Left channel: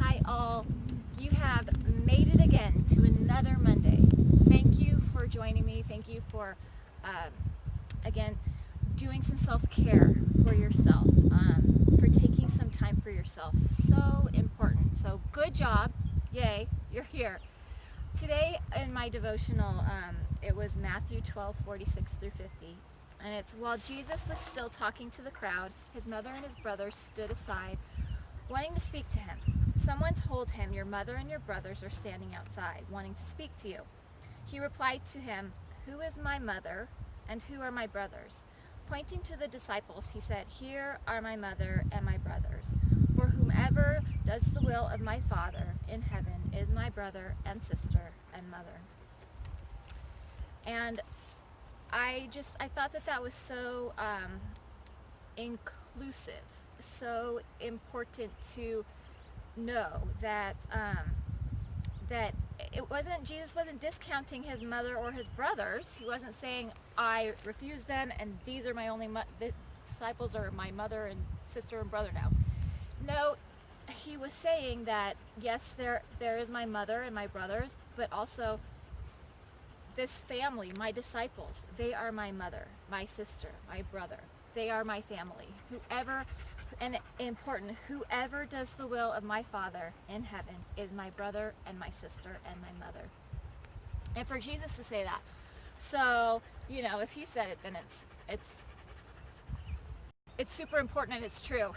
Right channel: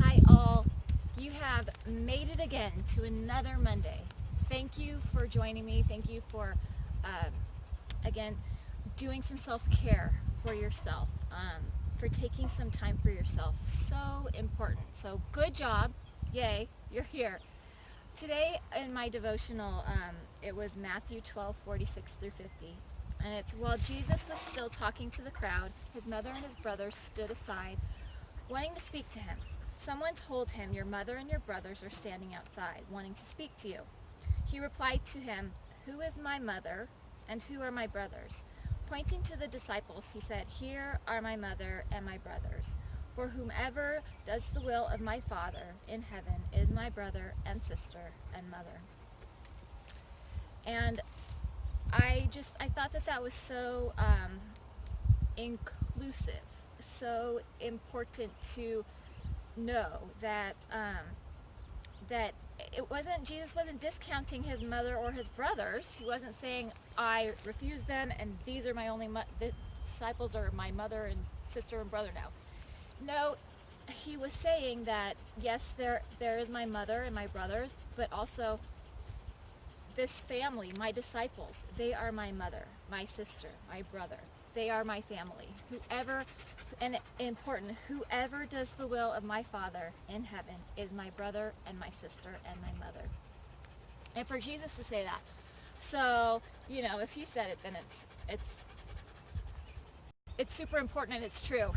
Hi all, you have made it again to another Monday. Thank you for joining me. Thank you for, again, doing some self-care for yourself, for taking some time for yourself. So important. So good job. Yay, you're here. Today in my devotional, it was Matthew 12:46 through 50. And it's, while Jesus was still talking to the crowd, his mother and his brothers stood aside, wanting to speak to him. Someone told him, "Your mother and your brothers are standing outside, wanting to speak to you." He replied to him, "Who is my mother and who are my brothers?" Pointing to the disciples, he said, "Here are my mother and my brothers. For whomever does the will of my Father in heaven is my brother and sister and mother." And I thought that was so inclusive, so important to know that Jesus wasn't discounting his mother or his brothers. He wasn't saying, "I refuse them and these are my only the disciples are my mother and sister and brother now." No, he was saying that yes, there is my mother and my brothers, but also this family, my disciples, they are my mother, my sister, my brother. They are my family. Whoever, and important, whoever does the will of my Father in heaven is my brother and my sister and my mother. And for Jesus to say that, so, if he said it, then it's super important and it's true.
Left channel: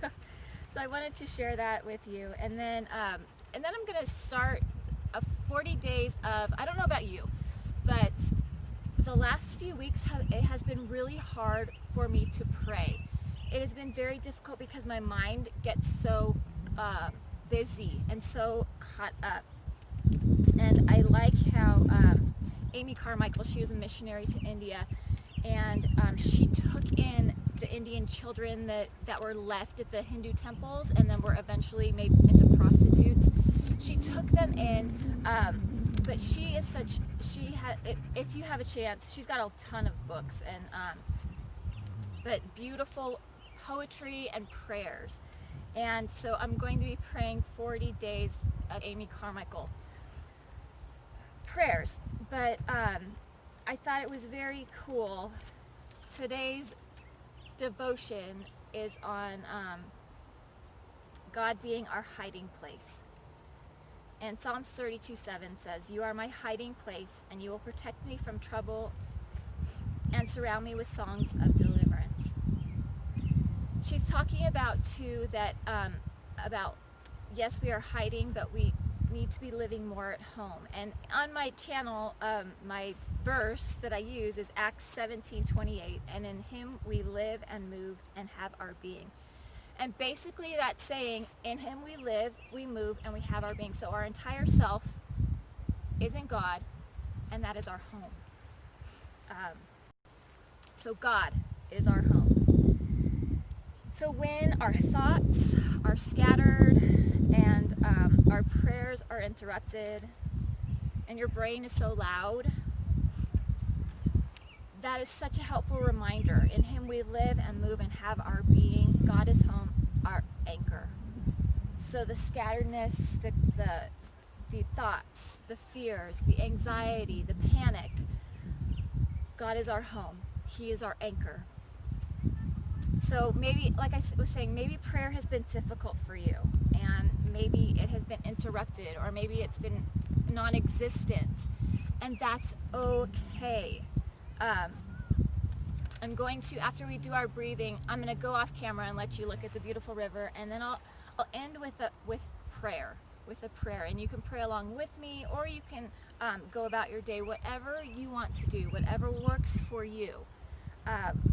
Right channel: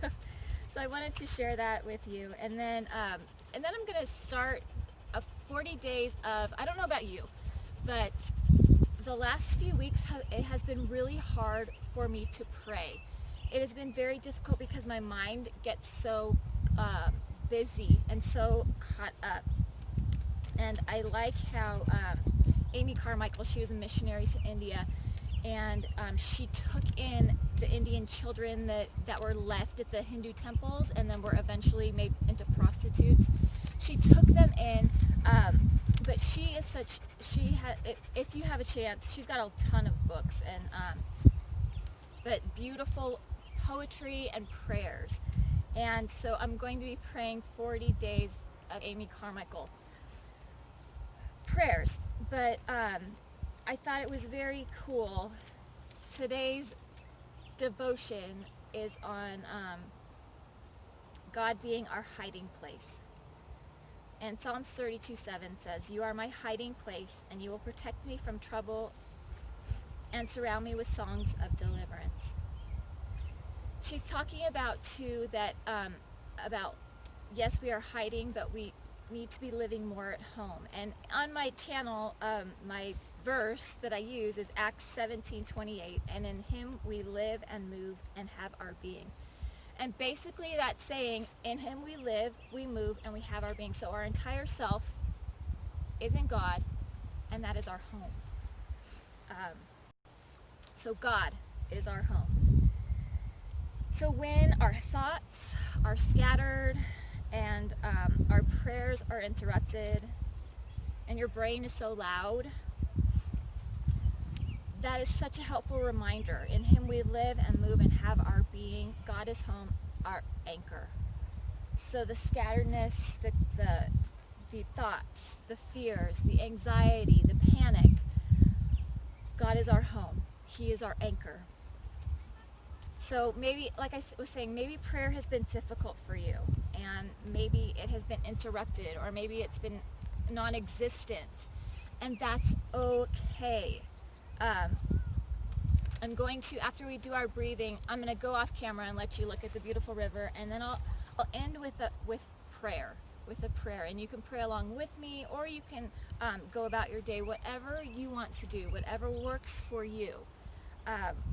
So I wanted to share that with you. And then I'm going to start a 40 days of, I don't know about you, but the last few weeks it has been really hard for me to pray. It has been very difficult because my mind gets so busy and so caught up. And I like how Amy Carmichael, she was a missionary to India, and she took in the Indian children that were left at the Hindu temples and then were eventually made into prostitutes. She took them in, but if you have a chance, she's got a ton of books, and but beautiful poetry and prayers. And so I'm going to be praying 40 days of Amy Carmichael prayers. But I thought it was very cool. Today's devotion is on God being our hiding place. And Psalms 32:7 says, "You are my hiding place, and you will protect me from trouble and surround me with songs of deliverance." She's talking about too that about, yes, we are hiding, but we need to be living more at home. And on my channel, my verse that I use is Acts 17:28, "And in him we live and move and have our being." And basically that's saying, in him we live, we move, and we have our being. So our entire self is in God, and that is our home. So God is our home. So when our thoughts are scattered and our prayers are interrupted and your brain is so loud, that is such a helpful reminder. In him we live and move and have our being. God is home, our anchor. So the scatteredness, the thoughts, the fears, the anxiety, the panic, God is our home. He is our anchor. So maybe, like I was saying, maybe prayer has been difficult for you, and maybe it has been interrupted, or maybe it's been non-existent, and that's okay. I'm going to, after we do our breathing, I'm going to go off camera and let you look at the beautiful river, and then I'll end with prayer, and you can pray along with me, or you can go about your day, whatever you want to do, whatever works for you.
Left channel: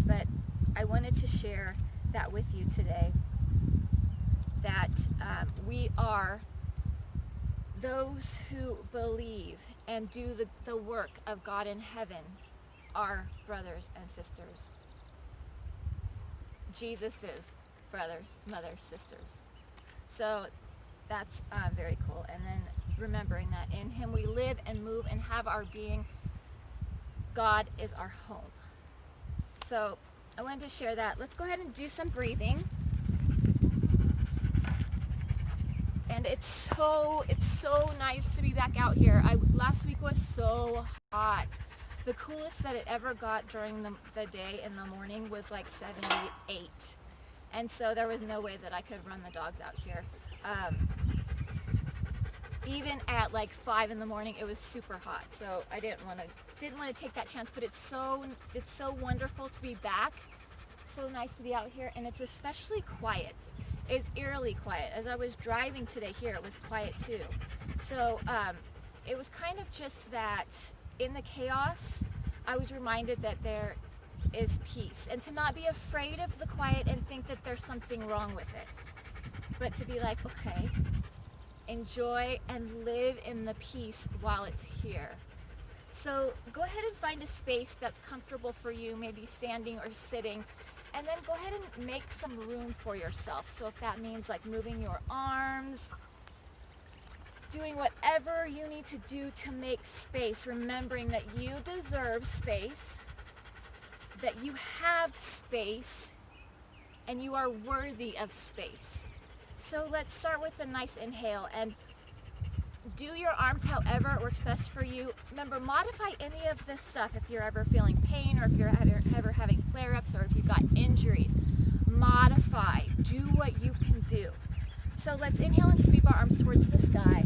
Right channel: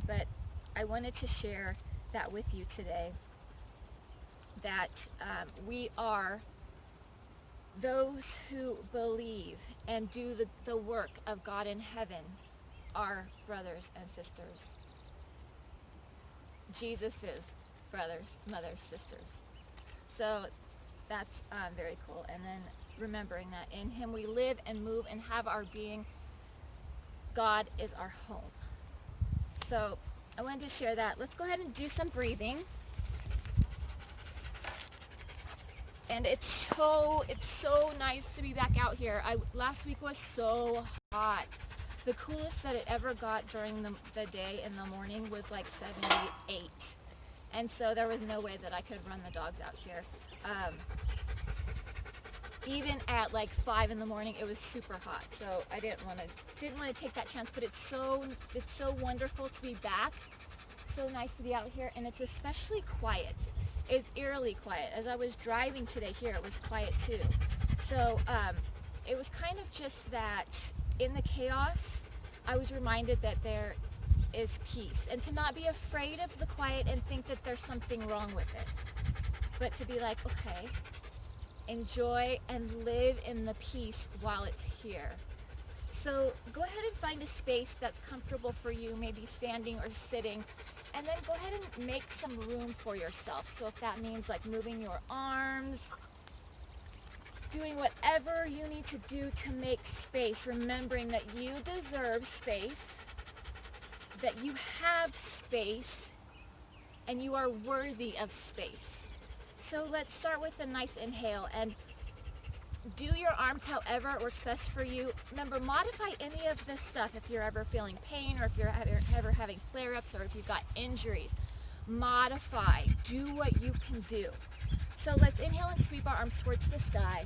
But I wanted to share that with you today, that we are those who believe and do the work of God in heaven, our brothers and sisters. Jesus' brothers, mothers, sisters. So that's very cool. And then remembering that in him we live and move and have our being. God is our home. So I wanted to share that. Let's go ahead and do some breathing. And it's so nice to be back out here. Last week was so hot. The coolest that it ever got during the day in the morning was like 78. And so there was no way that I could run the dogs out here. Even at like 5 in the morning, it was super hot. So I didn't want to take that chance, but it's so wonderful to be back. So nice to be out here, and it's especially quiet. It's eerily quiet. As I was driving today here, it was quiet too. So it was kind of just that in the chaos, I was reminded that there is peace, and to not be afraid of the quiet and think that there's something wrong with it, but to be like, okay, enjoy and live in the peace while it's here. So go ahead and find a space that's comfortable for you, maybe standing or sitting, and then go ahead and make some room for yourself. So if that means like moving your arms, doing whatever you need to do to make space, remembering that you deserve space, that you have space, and you are worthy of space. So let's start with a nice inhale and do your arms however it works best for you. Remember, modify any of this stuff if you're ever feeling pain, or if you're ever having flare-ups, or if you've got injuries. Modify. Do what you can do. So let's inhale and sweep our arms towards the sky.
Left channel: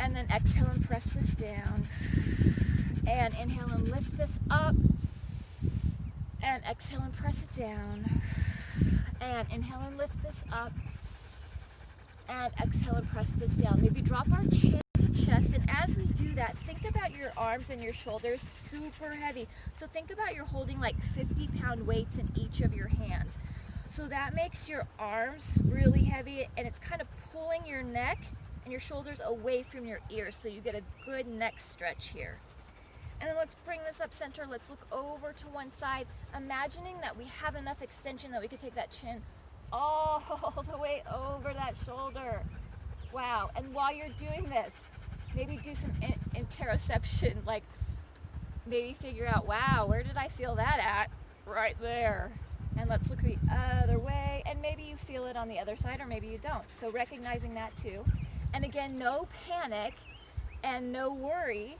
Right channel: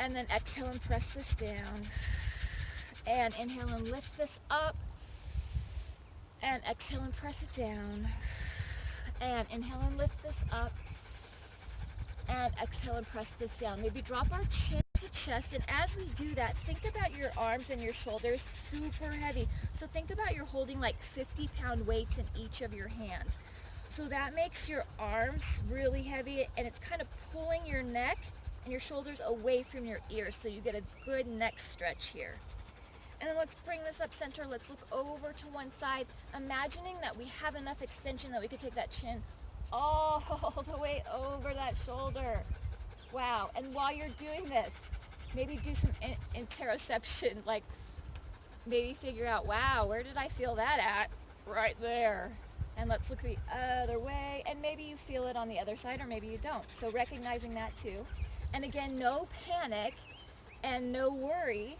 And then exhale and press this down. And inhale and lift this up. And exhale and press it down. And inhale and lift this up. And exhale and press this down. Maybe drop our chin to chest, and as we do that, think about your arms and your shoulders super heavy. So think about you're holding like 50-pound weights in each of your hands. So that makes your arms really heavy, and it's kind of pulling your neck and your shoulders away from your ears, so you get a good neck stretch here. And then let's bring this up center. Let's look over to one side, imagining that we have enough extension that we could take that chin all the way over that shoulder. Wow. And while you're doing this, maybe do some interoception, like maybe figure out, wow, where did I feel that at? Right there. And let's look the other way, and maybe you feel it on the other side, or maybe you don't. So recognizing that too. And again, no panic and no worry,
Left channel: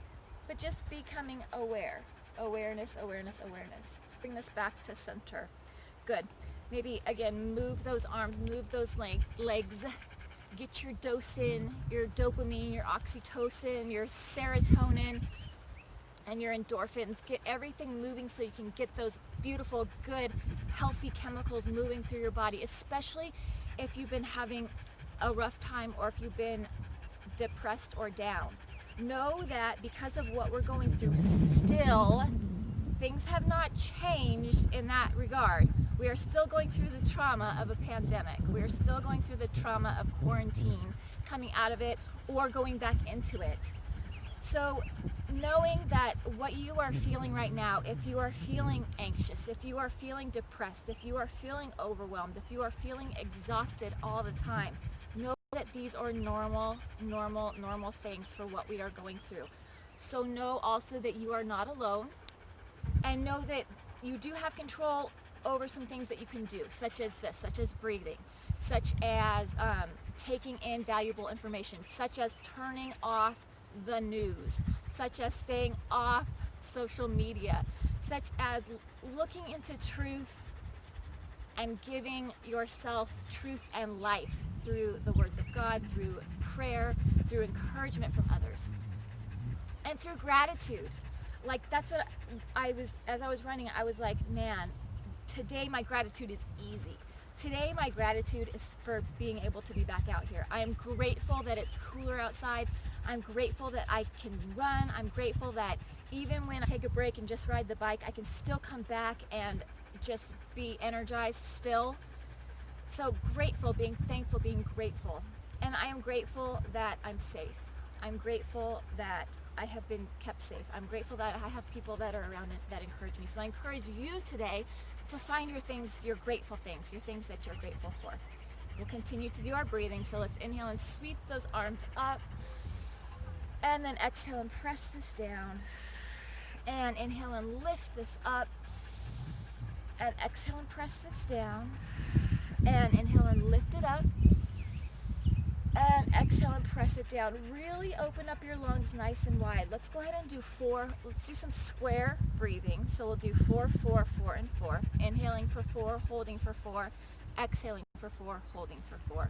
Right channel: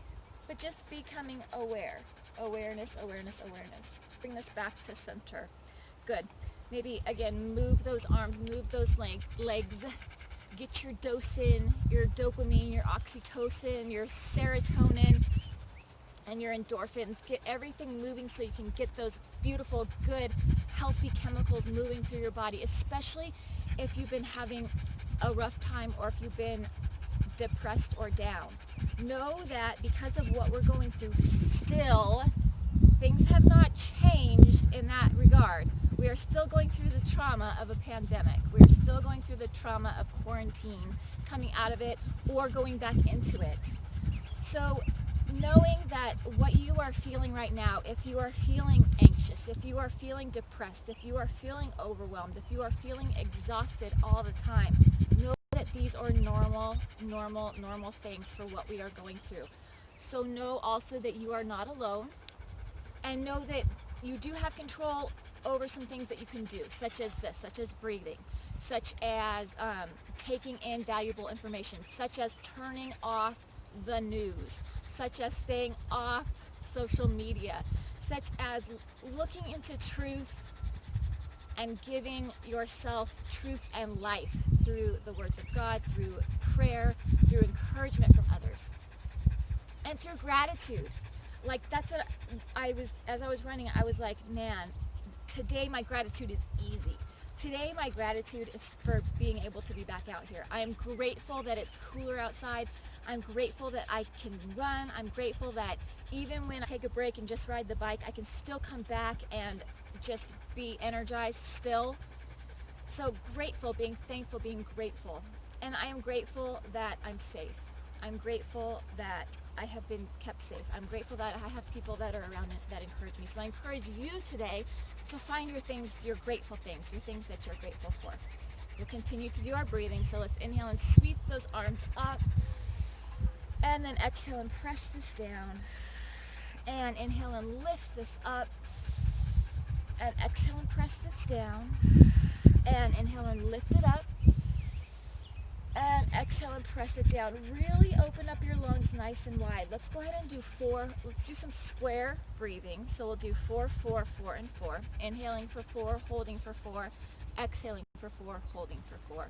but just becoming aware. Awareness, awareness, awareness. Bring this back to center. Good. Maybe, again, move those arms, move those legs. Get your dose in, your dopamine, your oxytocin, your serotonin, and your endorphins. Get everything moving so you can get those beautiful, good, healthy chemicals moving through your body, especially if you've been having a rough time or if you've been depressed or down. Know that because of what we're going through, still, things have not changed in that regard. We are still going through the trauma of a pandemic. We are still going through the trauma of quarantine, coming out of it or going back into it. So knowing that what you are feeling right now, if you are feeling anxious, if you are feeling depressed, if you are feeling overwhelmed, if you are feeling exhausted all the time, know that these are normal things for what we are going through. So know also that you are not alone, and know that you do have control over some things that you can do, such as this, such as breathing, such as taking in valuable information, such as turning off the news, such as staying off social media, such as looking into truth and giving yourself truth and life through the words of God, through prayer, through encouragement from others, and through gratitude. Like, that's what as I was running, I was like, man, today my gratitude is easy. Today my gratitude is for being able to be back out here. I am grateful that it's cooler outside. I'm grateful that I can run. I'm grateful that even when I take a break and just ride the bike, I can still come back and just be energized still. So grateful, being thankful, being grateful. And I am grateful that I'm safe. I'm grateful that I have been kept safe. I'm grateful that I have people that are around that encourage me. So I encourage you today to find your things, your grateful things, your things that you're grateful for. We'll continue to do our breathing. So let's inhale and sweep those arms up. And then exhale and press this down. And inhale and lift this up. And exhale and press this down. And inhale and lift it up. exhale and press it down. Really open up your lungs nice and wide. Let's go ahead and do 4. Let's do some square breathing. So we'll do 4, 4, 4, and 4. Inhaling for 4, holding for 4, exhaling for 4, holding for 4.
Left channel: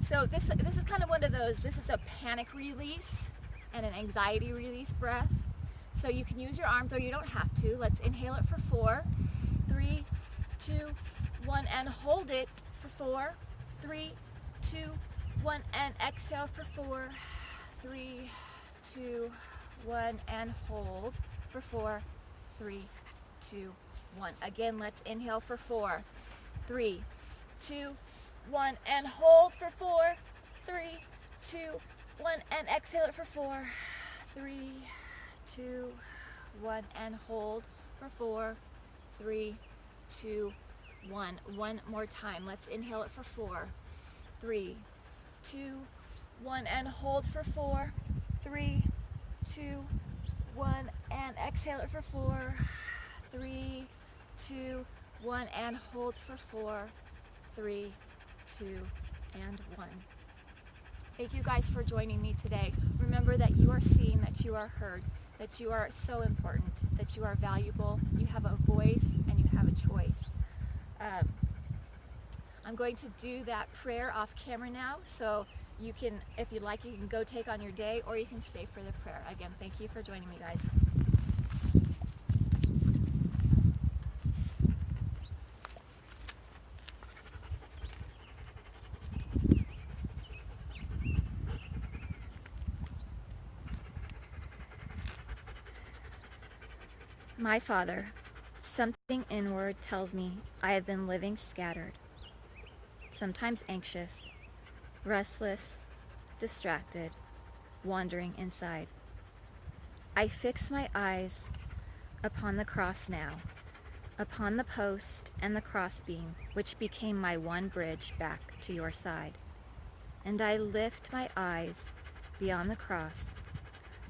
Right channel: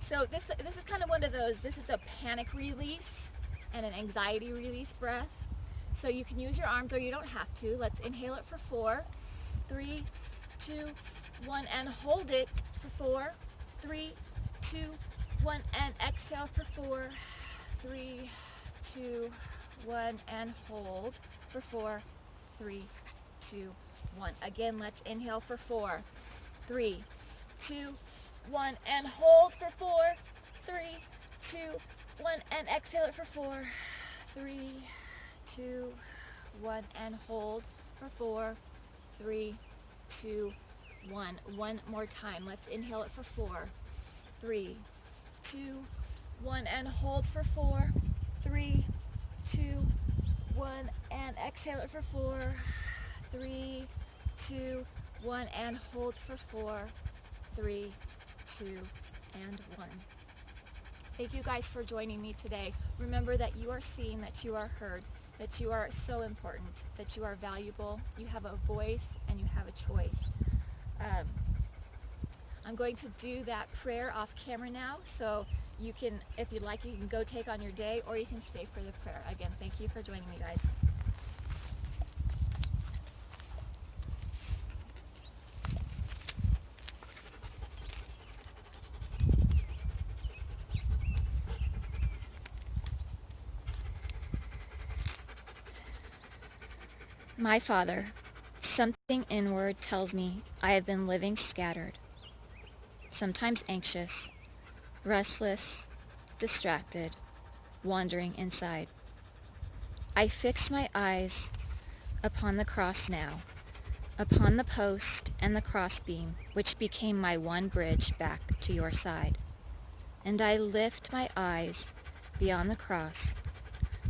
So this is kind of one of those, this is a panic release and an anxiety release breath. So you can use your arms or you don't have to. Let's inhale it for 4, 3, 2, 1, and hold it for 4, 3, 2, 1, and exhale for 4, 3, 2, 1, and hold for 4, 3, 2, 1. Again, let's inhale for 4, 3, 2, 1, and hold for 4, 3, 2, 1, and exhale it for 4, 3, 2, 1, and hold for 4, 3, 2, 1. One more time. Let's inhale it for 4, 3, 2, 1, and hold for 4, 3, 2, 1, and exhale it for 4, 3, 2, 1, and hold for 4, 3, 2, and 1. Thank you guys for joining me today. Remember that you are seen, that you are heard, that you are so important, that you are valuable, you have a voice, and you have a choice. I'm going to do that prayer off camera now, so you can, if you'd like, you can go take on your day, or you can stay for the prayer. Again, thank you for joining me, guys. My Father, something inward tells me I have been living scattered, sometimes anxious, restless, distracted, wandering inside. I fix my eyes upon the cross now, upon the post and the crossbeam, which became my one bridge back to your side. And I lift my eyes beyond the cross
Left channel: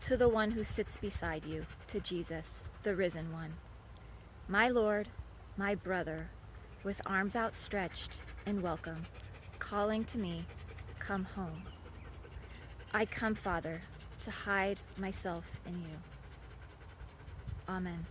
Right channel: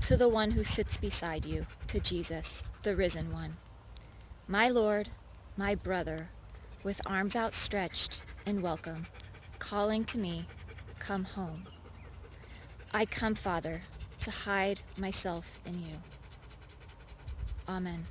to the one who sits beside you, to Jesus, the risen one. My Lord, my brother, with arms outstretched in welcome, calling to me, come home. I come, Father, to hide myself in you. Amen.